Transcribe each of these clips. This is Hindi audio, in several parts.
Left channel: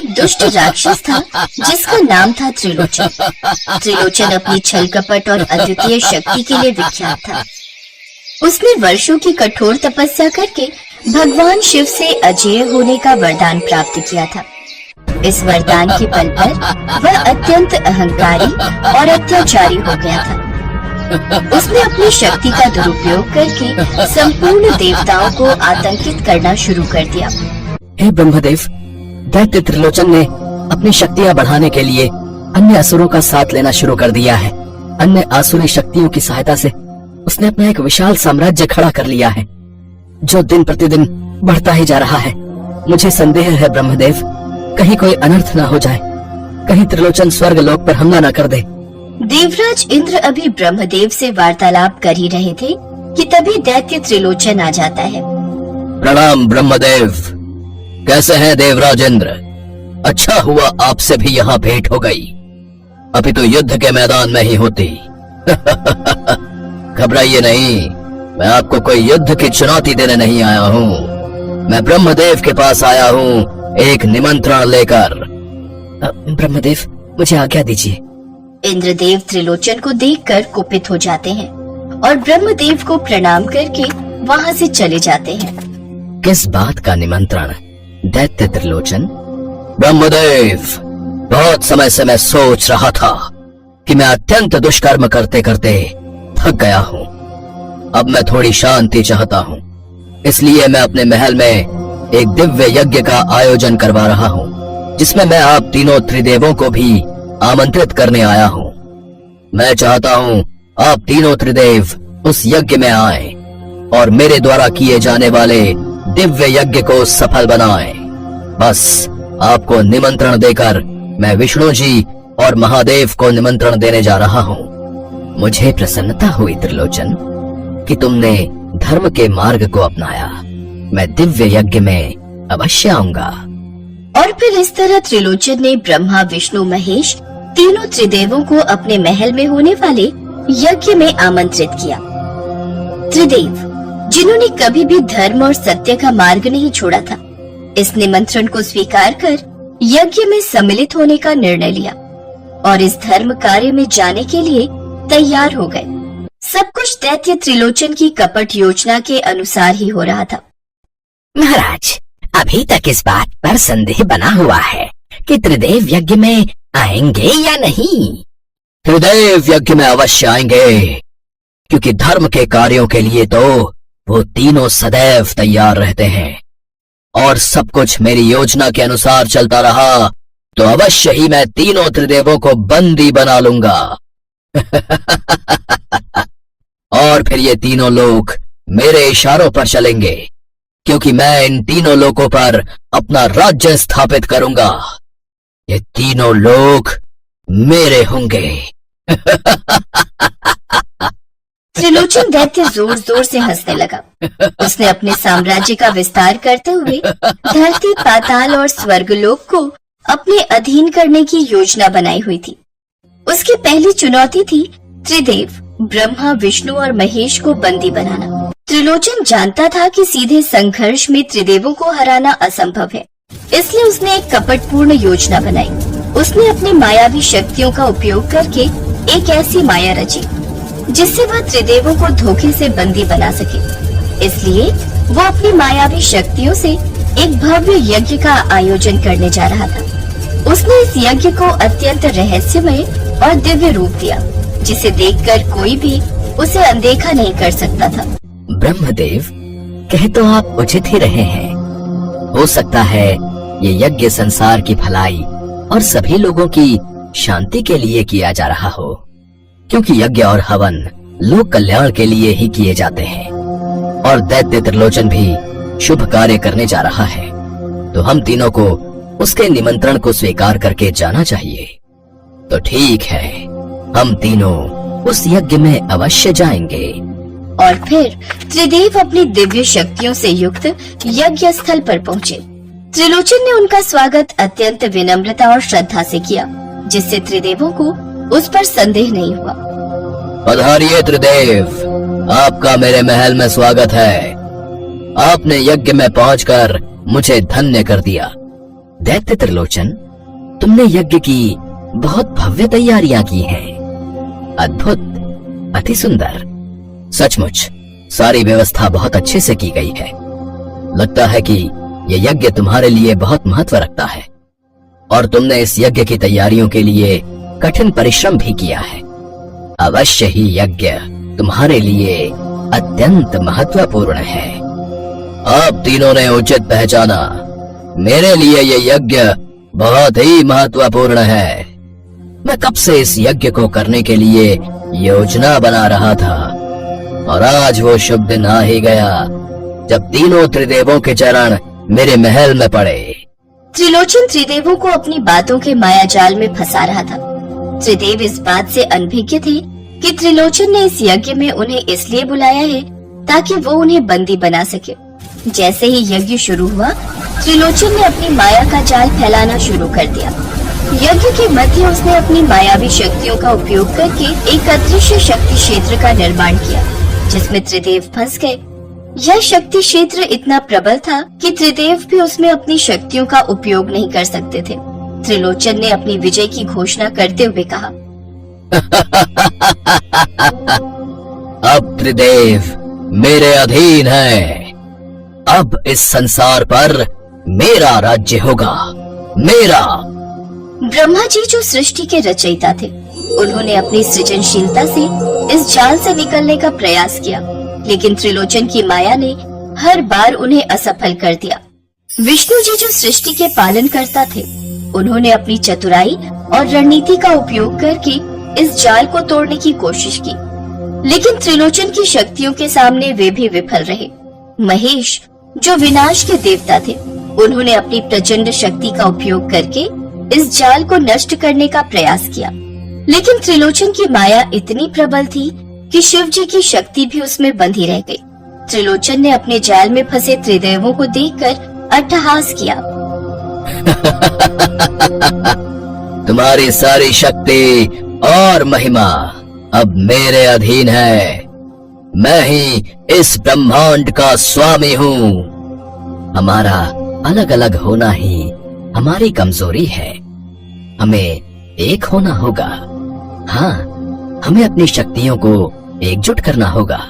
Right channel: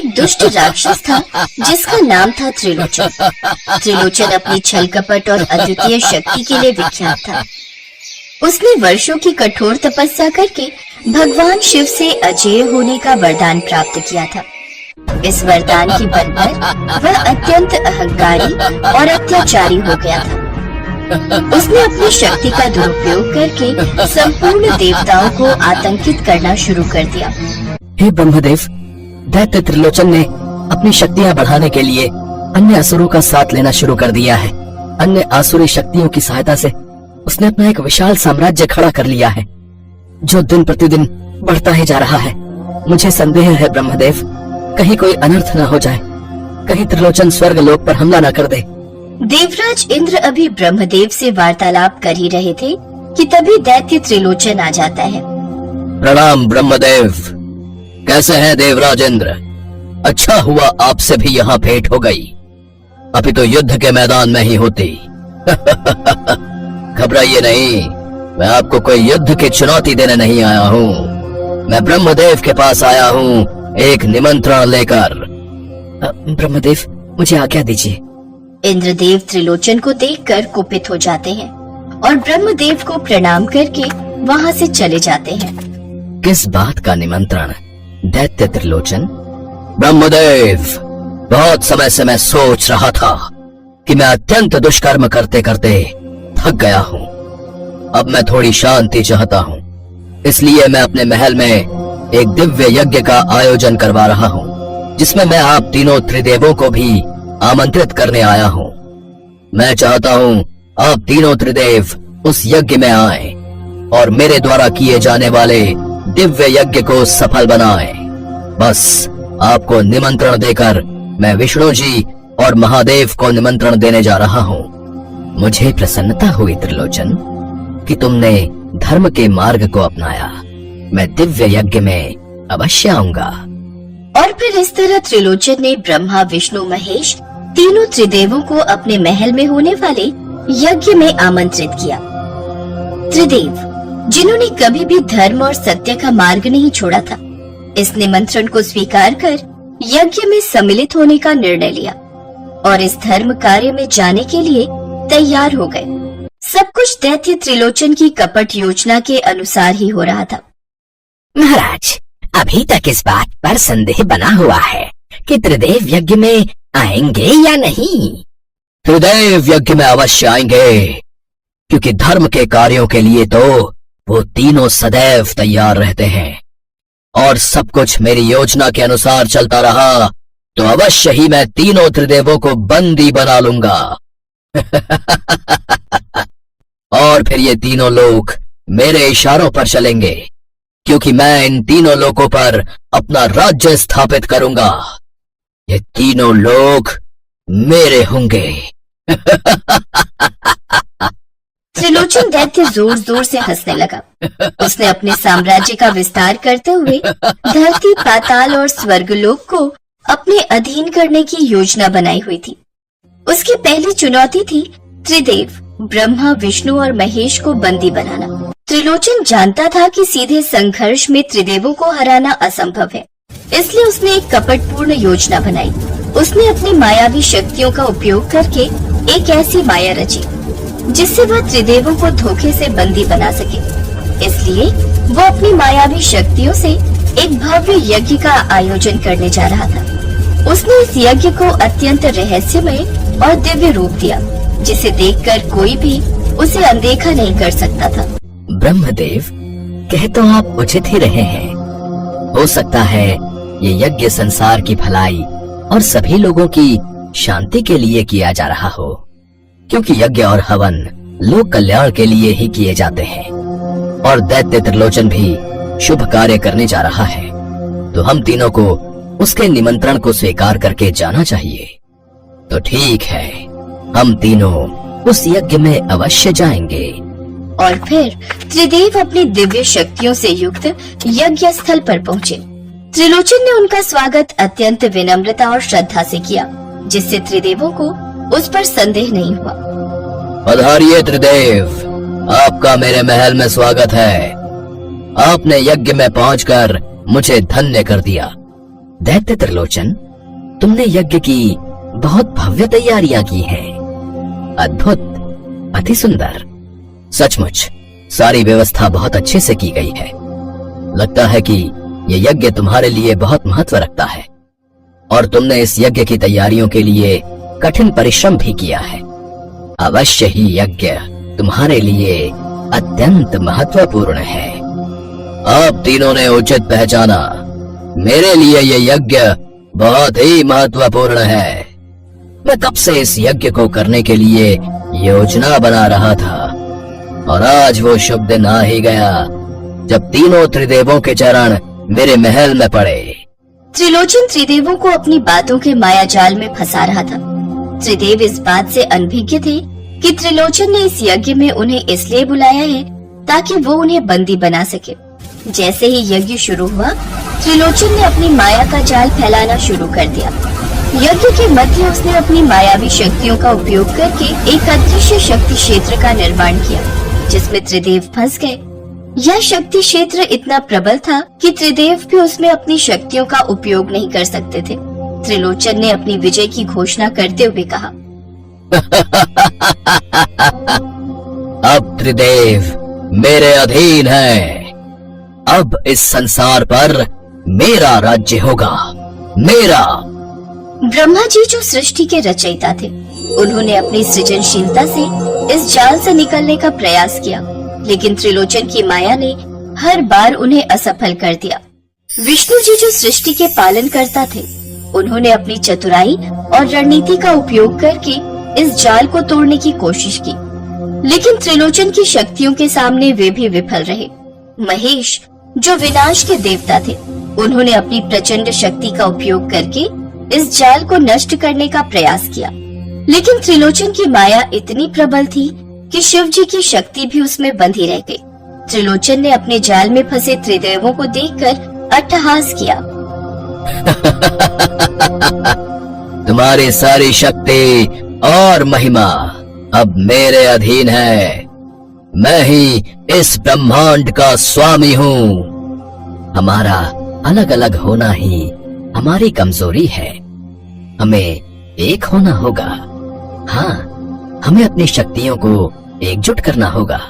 एक दुष्ट राक्षस था जिसका नाम था त्रिलोचन। त्रिलोचन अपनी छल कपट और अद्वितीय शक्ति के लिए विख्यात था। उसने वर्षों की कठोर तपस्या करके भगवान शिव से अजेय होने का वरदान प्राप्त किया था। इस वरदान के बल पर वह अत्यंत अहंकारी और अत्याचारी हो गया था। उसने अपनी शक्ति का दुरुपयोग करके संपूर्ण देवताओं को आतंकित करना शुरू कर दिया। हे ब्रह्मदेव, दैत्य त्रिलोचन ने अपनी शक्तियाँ बढ़ाने के लिए अन्य असुरों का साथ लेना शुरू कर दिया है। अन्य आसुरी शक्तियों की सहायता से उसने अपना एक विशाल साम्राज्य खड़ा कर लिया है, जो दिन प्रतिदिन बढ़ता ही जा रहा है। मुझे संदेह है ब्रह्मदेव, कहीं कोई अनर्थ न हो जाए, कहीं त्रिलोचन स्वर्ग लोक पर हमला न कर दे। देवराज इंद्र अभी ब्रह्मदेव से वार्तालाप कर ही रहे थे कि तभी दैत्य त्रिलोचन आ जाता है। प्रणाम ब्रह्मदेव, कैसे हैं देवराज इंद्र? अच्छा हुआ आपसे भी यहाँ भेंट हो गई, अभी तो युद्ध के मैदान में ही होती। घबराइए नहीं, मैं आपको कोई युद्ध की चुनौती देने नहीं आया हूँ। मैं ब्रह्मदेव के पास आया हूँ एक निमंत्रण लेकर। ब्रह्मदेव, मुझे आज्ञा दीजिए। इंद्रदेव त्रिलोचन को देखकर कुपित हो जाते हैं और ब्रह्मदेव को प्रणाम करके वहाँ से चले जाते हैं। किस बात का निमंत्रण दैत्य त्रिलोचन? ब्रह्मदेव, बहुत समय से मैं सोच रहा था कि मैं अत्यंत दुष्कर्म करते करते थक गया हूँ। अब मैं थोड़ी शांति चाहता हूँ, इसलिए मैं अपने महल में एक दिव्य यज्ञ का आयोजन करवा रहा हूँ, जिसमें मैं आप तीनों त्रिदेवों को भी आमंत्रित करने आया हूँ। मैं चाहता हूँ आप तीनों त्रिदेव उस यज्ञ में आएं और मेरे द्वारा किए जाने वाले दिव्य यज्ञ को सफल बनाएं। बस आपको निमंत्रण देकर मैं विष्णु जी और महादेव को निमंत्रण देने जा रहा हूँ। मुझे प्रसन्नता हुई त्रिलोचन कि तुमने धर्म के मार्ग को अपनाया। मैं दिव्य यज्ञ में अवश्य आऊंगा। और फिर इस तरह त्रिलोचन ने ब्रह्मा, विष्णु, महेश तीनों त्रिदेवों को अपने महल में होने वाले यज्ञ में आमंत्रित किया। त्रिदेव, जिन्होंने कभी भी धर्म और सत्य का मार्ग नहीं छोड़ा था, इस निमंत्रण को स्वीकार कर यज्ञ में सम्मिलित होने का निर्णय लिया और इस धर्म कार्य में जाने के लिए तैयार हो गए। सब कुछ दैत्य त्रिलोचन की कपट योजना के अनुसार ही हो रहा था। महाराज, अभी तक इस बात पर संदेह बना हुआ है कि त्रिदेव यज्ञ में आएंगे या नहीं। त्रिदेव यज्ञ में अवश्य आएंगे, क्योंकि धर्म के कार्यों के लिए तो वो तीनों सदैव तैयार रहते हैं। और सब कुछ मेरी योजना के अनुसार चलता रहा तो अवश्य ही मैं तीनों त्रिदेवों को बंदी बना लूंगा। और फिर ये तीनों लोग मेरे इशारों पर चलेंगे, क्योंकि मैं इन तीनों लोगों पर अपना राज्य स्थापित करूंगा। ये तीनों लोग मेरे होंगे। त्रिलोचन दैत्य जोर जोर से हंसने लगा। उसने अपने साम्राज्य का विस्तार करते हुए धरती, पाताल और स्वर्गलोक को अपने अधीन करने की योजना बनाई हुई थी। उसकी पहली चुनौती थी त्रिदेव ब्रह्मा, विष्णु और महेश को बंदी बनाना। त्रिलोचन जानता था कि सीधे संघर्ष में त्रिदेवों को हराना असंभव है, इसलिए उसने एक कपटपूर्ण योजना बनाई। उसने अपनी मायावी शक्तियों का उपयोग करके एक ऐसी माया रची जिससे वह त्रिदेवों को धोखे से बंदी बना सके। इसलिए वो अपनी मायावी शक्तियों से एक भव्य यज्ञ का आयोजन करने जा रहा था। उसने इस यज्ञ को अत्यंत रहस्यमय और दिव्य रूप दिया, जिसे देखकर कोई भी उसे अनदेखा नहीं कर सकता था। ब्रह्मदेव, कह तो आप उचित ही रहे हैं। हो सकता है ये यज्ञ संसार की भलाई और सभी लोगों की शांति के लिए किया जा रहा हो, क्योंकि यज्ञ और हवन लोक कल्याण के लिए ही किए जाते हैं। और दैत्य त्रिलोचन भी शुभ कार्य करने जा रहा है, तो हम तीनों को उसके निमंत्रण को स्वीकार करके जाना चाहिए। तो ठीक है, हम तीनों उस यज्ञ में अवश्य जाएंगे। और फिर त्रिदेव अपनी दिव्य शक्तियों से युक्त यज्ञ स्थल पर पहुँचे। त्रिलोचन ने उनका स्वागत अत्यंत विनम्रता और श्रद्धा से किया, जिससे त्रिदेवों को उस पर संदेह नहीं हुआ। पधारिए त्रिदेव, आपका मेरे महल में स्वागत है। आपने यज्ञ में पहुंचकर मुझे धन्य कर दिया। दैत्य त्रिलोचन, तुमने यज्ञ की बहुत भव्य तैयारियां की हैं। अद्भुत, अति सुंदर। सचमुच सारी व्यवस्था बहुत अच्छे से की गई है। लगता है कि यह यज्ञ तुम्हारे लिए बहुत महत्व रखता है और तुमने इस यज्ञ की तैयारियों के लिए कठिन परिश्रम भी किया है। अवश्य ही यज्ञ तुम्हारे लिए अत्यंत महत्वपूर्ण है। आप तीनों ने उचित पहचाना, मेरे लिए यह यज्ञ बहुत ही महत्वपूर्ण है। मैं कब से इस यज्ञ को करने के लिए योजना बना रहा था और आज वो शुभ दिन आ ही गया जब तीनों त्रिदेवों के चरण मेरे महल में पड़े। त्रिलोचन त्रिदेवों को अपनी बातों के माया जाल में फंसा रहा था। त्रिदेव इस बात से अनभिज्ञ थे कि त्रिलोचन ने इस यज्ञ में उन्हें इसलिए बुलाया है ताकि वो उन्हें बंदी बना सके। जैसे ही यज्ञ शुरू हुआ, त्रिलोचन ने अपनी माया का जाल फैलाना शुरू कर दिया। यज्ञ के मध्य उसने अपनी मायावी शक्तियों का उपयोग करके एक अदृश्य शक्ति क्षेत्र का निर्माण किया, जिसमें त्रिदेव फंस गए। यह शक्ति क्षेत्र इतना प्रबल था कि त्रिदेव भी उसमें अपनी शक्तियों का उपयोग नहीं कर सकते थे। त्रिलोचन ने अपनी विजय की घोषणा करते हुए कहा, अब त्रिदेव मेरे अधीन हैं। अब इस संसार पर मेरा राज्य होगा, मेरा। ब्रह्मा जी जो सृष्टि के रचयिता थे, उन्होंने अपनी सृजनशीलता से इस जाल से निकलने का प्रयास किया, लेकिन त्रिलोचन की माया ने हर बार उन्हें असफल कर दिया। विष्णु जी जो सृष्टि के पालन करता थे, उन्होंने अपनी चतुराई और रणनीति का उपयोग करके इस जाल को तोड़ने की कोशिश की, लेकिन त्रिलोचन की शक्तियों के सामने वे भी विफल रहे। महेश जो विनाश के देवता थे, उन्होंने अपनी प्रचंड शक्ति का उपयोग करके इस जाल को नष्ट करने का प्रयास किया, लेकिन त्रिलोचन की माया इतनी प्रबल थी कि शिव जी की शक्ति भी उसमें बंधी रह गई। त्रिलोचन ने अपने जाल में फंसे त्रिदेवों को देखकर अट्टहास किया। तुम्हारी सारी शक्ति और महिमा अब मेरे अधीन है। मैं ही इस ब्रह्मांड का स्वामी हूँ। हमारा अलग अलग होना ही हमारी कमजोरी है। हमें एक होना होगा। हाँ, हमें अपनी शक्तियों को एकजुट करना होगा,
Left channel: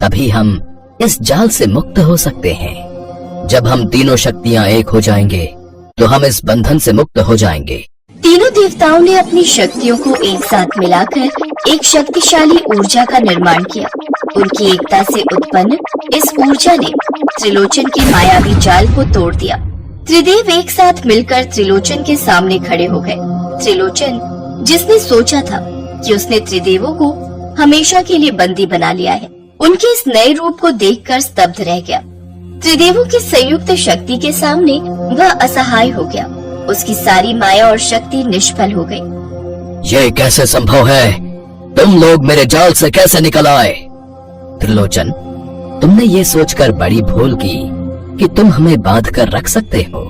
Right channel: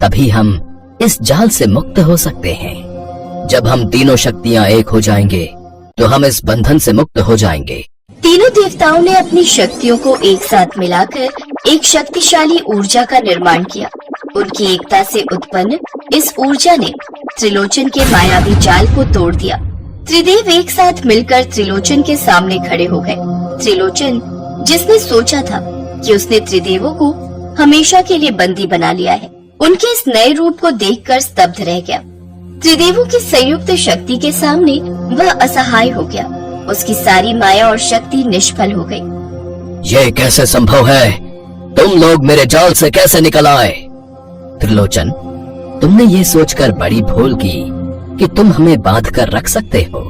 तभी हम इस जाल से मुक्त हो सकते हैं। जब हम तीनों शक्तियाँ एक हो जाएंगे तो हम इस बंधन से मुक्त हो जाएंगे। तीनों देवताओं ने अपनी शक्तियों को एक साथ मिलाकर एक शक्तिशाली ऊर्जा का निर्माण किया। उनकी एकता से उत्पन्न इस ऊर्जा ने त्रिलोचन के मायावी जाल को तोड़ दिया। त्रिदेव एक साथ मिलकर त्रिलोचन के सामने खड़े हो गए। त्रिलोचन, जिसने सोचा था कि उसने त्रिदेवों को हमेशा के लिए बंदी बना लिया है, उनके इस नए रूप को देखकर स्तब्ध रह गया। त्रिदेवों की संयुक्त शक्ति के सामने वह असहाय हो गया। उसकी सारी माया और शक्ति निष्फल हो गई। यह कैसे संभव है? तुम लोग मेरे जाल से कैसे निकल आए? त्रिलोचन, तुमने ये सोचकर बड़ी भूल की कि तुम हमें बांध कर रख सकते हो।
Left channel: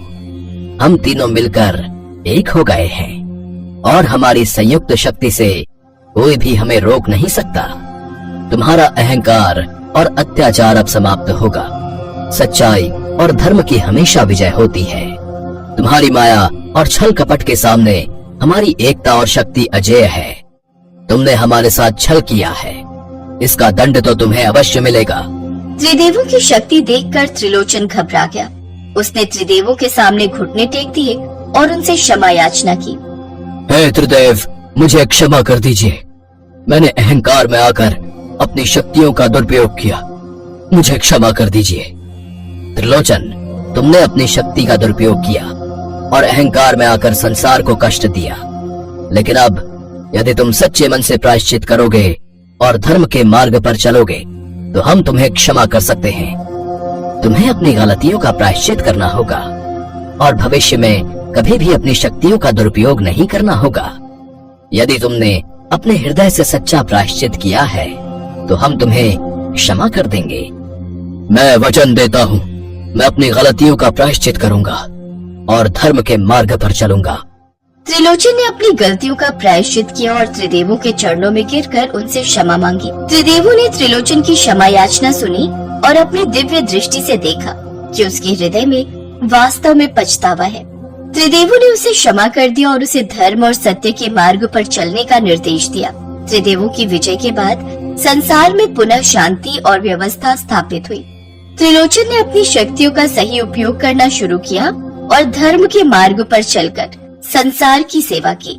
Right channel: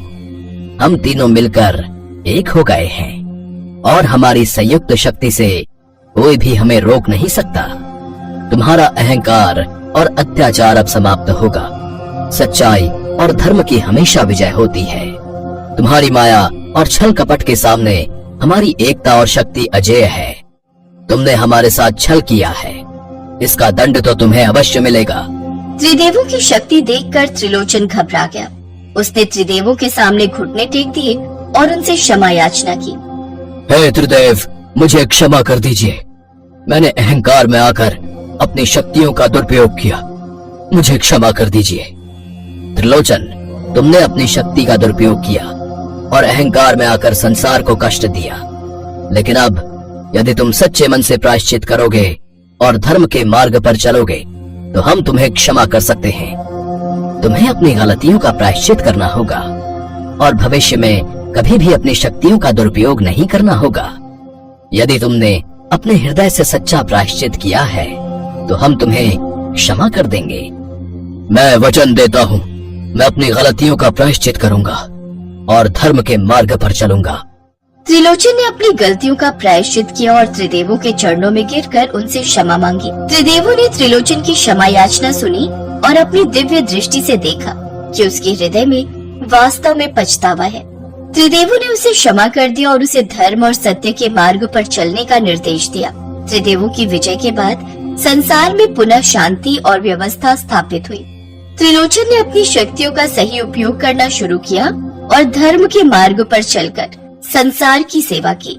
हम तीनों मिलकर एक हो गए हैं और हमारी संयुक्त शक्ति से कोई भी हमें रोक नहीं सकता। तुम्हारा अहंकार और अत्याचार अब समाप्त होगा। सच्चाई और धर्म की हमेशा विजय होती है। तुम्हारी माया और छल कपट के सामने हमारी एकता और शक्ति अजेय है। तुमने हमारे साथ छल किया है, इसका दंड तो तुम्हें अवश्य मिलेगा। त्रिदेवों की शक्ति देखकर त्रिलोचन घबरा गया। उसने त्रिदेवों के सामने घुटने टेक दिए और उनसे क्षमा याचना की। हे त्रिदेव, मुझे क्षमा कर दीजिए। मैंने अहंकार में आकर अपनी शक्तियों का दुरुपयोग किया। मुझे क्षमा कर दीजिए। त्रिलोचन, तुमने अपनी शक्ति का दुरुपयोग किया और अहंकार में आकर संसार को कष्ट दिया, लेकिन अब यदि तुम सच्चे मन से प्रायश्चित करोगे और धर्म के मार्ग पर चलोगे तो हम तुम्हें क्षमा कर सकते हैं। तुम्हें अपनी गलतियों का प्रायश्चित करना होगा और भविष्य में कभी भी अपनी शक्तियों का दुरुपयोग नहीं करना होगा। यदि तुमने अपने हृदय से सच्चा प्रायश्चित किया है तो हम तुम्हें क्षमा कर देंगे। मैं वचन देता हूँ, मैं अपनी गलतियों का प्रायश्चित करूंगा और धर्म के मार्ग पर चलूंगा। त्रिलोचन ने अपनी गलतियों का प्रायश्चित किया और त्रिदेवों के चरणों में गिरकर उनसे क्षमा मांगी। त्रिदेवों ने त्रिलोचन की क्षमा याचना सुनी और अपनी दिव्य दृष्टि से देखा कि उसके हृदय में वास्तव में पछतावा है। त्रिदेवों ने उसे क्षमा कर दिया और उसे धर्म और सत्य के मार्ग पर चलने का निर्देश दिया। त्रिदेवों की विजय के बाद संसार में पुनः शांति और व्यवस्था स्थापित हुई। त्रिलोचन ने अपनी शक्तियों का सही उपयोग करना शुरू किया और धर्म के मार्ग पर चलकर संसार की सेवा की।